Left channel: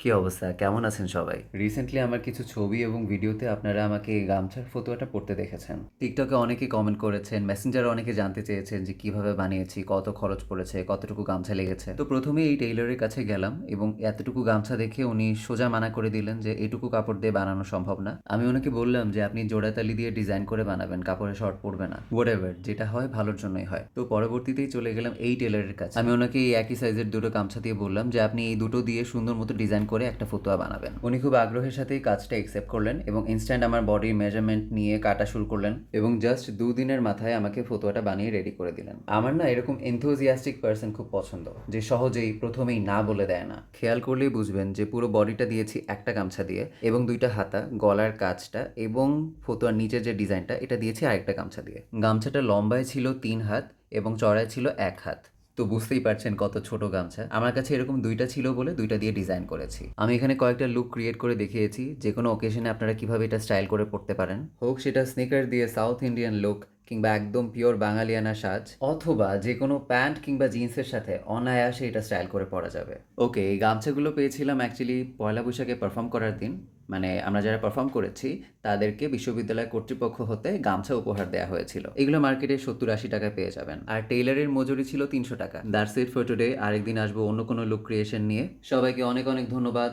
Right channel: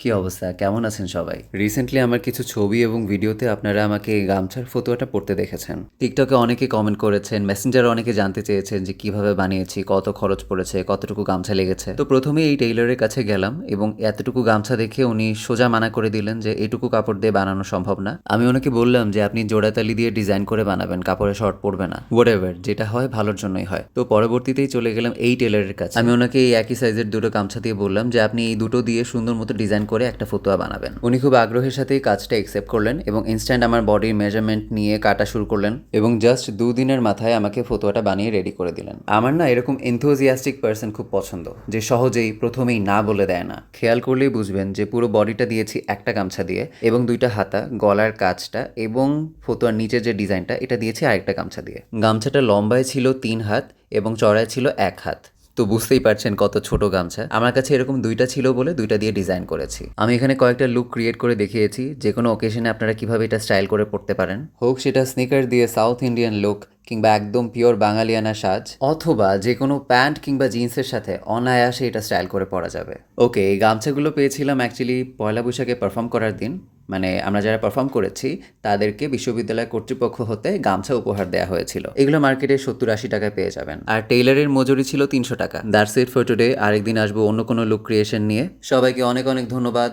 কি অবস্থা? কেমন আছেন সবাই? রিসেন্টলি আমার কিছু ছবি এবং ভিডিওতে আপনারা আমাকে এই গামছার ফতোয়াটা পড়তে দেখেছেন। টিকটকে অনেকে কমেন্ট করেছেন, মেসেঞ্জারে অনেকে জানতে চেয়েছেন যে কিভাবে বানিয়েছি, কত খরচ পড়েছে, কতটুকু গামছা লেগেছে। তো প্রথমেই এই টেইলরের কাছে গেলাম এবং এতটুকু গামছা দেখে উনি সোজা মানা করে দিলেন যে এটুকু কাপড় দিয়ে বানানো সম্ভব না। আমি ওনাকে বললাম যে আপনি জোড়াতালি দিয়ে ডিজাইন করে বানাবেন, কাপড়ে শর্ট পড়বে না। হোয়াটএভার, যেটা হয় ভালোর জন্যই হয়। তো পরবর্তীতেই চলে গেলাম এই টেইলরের কাছে। আমি ওনাকে এই একই সাইজের দুটো গামছা দিয়ে বললাম যে আপনি এই দুটো দিয়ে সুন্দর মতো ডিজাইন করে একটা ফতোয়া বানাবেন। উনি খুব আগ্রহের সাথেই কাজটা একসেপ্ট করলেন এবং ইনস্ট্যান্ট আমার বডির মেজারমেন্ট নিয়ে কাটা শুরু করলেন এবং জাস্ট 2 দিনের মাথায় আমাকে ফতোয়াটা বানিয়ে রেডি করে দিলেন। আমার না এরকম এনথুজিয়াস্টিক পার্সন খুব পছন্দ, যে সহজেই প্রথমেই না বলে দেয় না। খেয়াল করলেই বুঝবেন যে পুরো বডিটা দিয়েছি একটা গামছা দিয়ে এবং দুইটা হাতা, গলার কাজটা এবং ফতোয়ার নিচের যে ডিজাইনটা এটা দিয়েছি আরেকটা গামছা দিয়ে। গামছাটা লম্বায় ছিল 3 হাত এবং চড়ায় ছিল 1 হাত। তো বুঝতেই পারছেন কত ছোট গামছা। আমার কাছে এরকম দুইটা ছিল বলে দুইটা দিয়ে ডিজাইন করেছি। আমি এখানে কয়েকটা লুক ক্রিয়েট করে দেখিয়েছি, যে কোনো ওকেশনে আপনারা কিভাবে এটা স্টাইল করে পড়তে পারেন। হোক সেটা স্নিকার দিয়ে সাউথ ইন্ডিয়ান লুক, কিংবা একদম পিওর বাঙালিয়ানা সাজ, অথবা যে কোনো প্যান্ট কিংবা জিন্সের সাথে অনায়াসে এটা স্টাইল করে পরা যাবে। ওকে, এই গামছাগুলো পেয়েছিলাম অ্যাকচুয়ালি পয়লা বৈশাখে পারফর্ম করার দিন। মানে আমরা যারা পারফর্ম করেছি তাদেরকে বিশ্ববিদ্যালয় কর্তৃপক্ষ হতে গামছা উপহার দেওয়া হয়েছিল। এগুলো মার্কেটে 70-80 টাকায় পেয়ে যাবেন, আর টেইলারের মজুরি ছিল 300 টাকা। That's it for today. আরেকদিন আসবো অন্য কোনো লুক ক্রিয়েশন নিয়ে। সবাইকে অনেক অনেক ধন্যবাদ।